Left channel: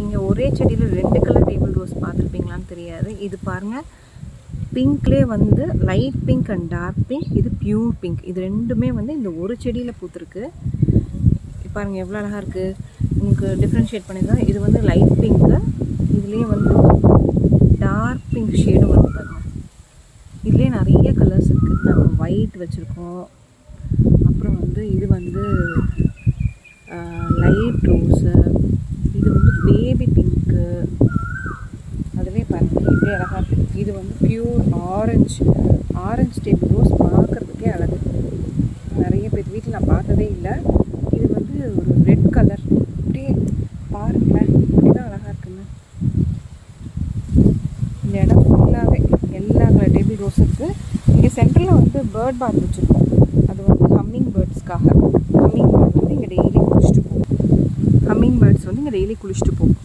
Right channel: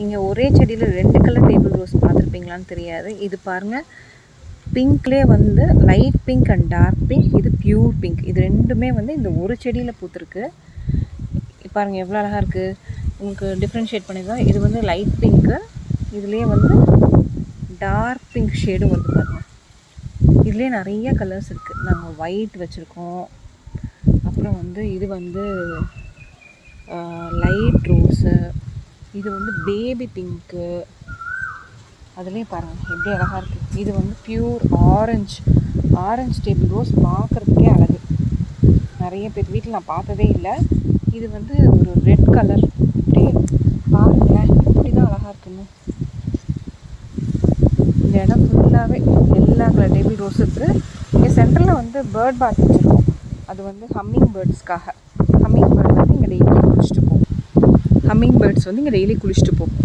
நீங்கள் ஒரே செடியில் 2 கலர் டேபிள் ரோஸ் பார்த்துருப்பீங்களான்னு தெரியாது. இது பாருங்கள், பிங்க்லேயே வந்து light pink and dark pink, இது பியூர் பிங்க். இது ரெண்டுமே வந்து இந்த ஒரு செடியில் பூத்துருக்கு. பாருங்கள் எவ்வளோ அழகாக இருக்குது. உங்களுக்கு டிஃப்ரென்ஷியேட் பண்ணிதான். இது வந்து லைட் பிங்க்கு, இதுலேயே வந்து டார்க் பிங்க் ஷேடும் வந்து பாருங்கள். இதுலேயே நிறைய கலர்ஸ் இருக்குது. நாங்கள் ஒயிட் வச்சுருக்கோம். அப்புறம் வந்து இது வந்து லைட் ரோஸு, இது வந்து பேபி பிங்க்கு. அதுலேயே பாருங்கள் எப்படி அழகாக இருக்குது. இது வந்து பியூர் ஆரஞ்சு டேபிள் ரோஸ். பார்க்குறதுக்கே அழகு. நிறைய பேர் வீட்டில் நான் பார்த்ததே இல்லை. இது வந்து ஒரு ரெட் கலர். அப்படியே பாருங்களேன் இப்படி தான் அழகாக இருக்குன்னு. இந்த இடம் ஃபுல்லாகவே எல்லா கலர் டேபிள் ரோஸ் இருக்குது. இங்கே சென்டரில் வந்து பேர்ட் பாத் வச்சுருக்கோம். அது வந்து ஹம்மிங் பேர்ட்ஸ்க்காக. ஹம்மிங் பேர்ட்ஸ் வந்து இங்கே டெய்லி குளிச்சுட்டு போகும்.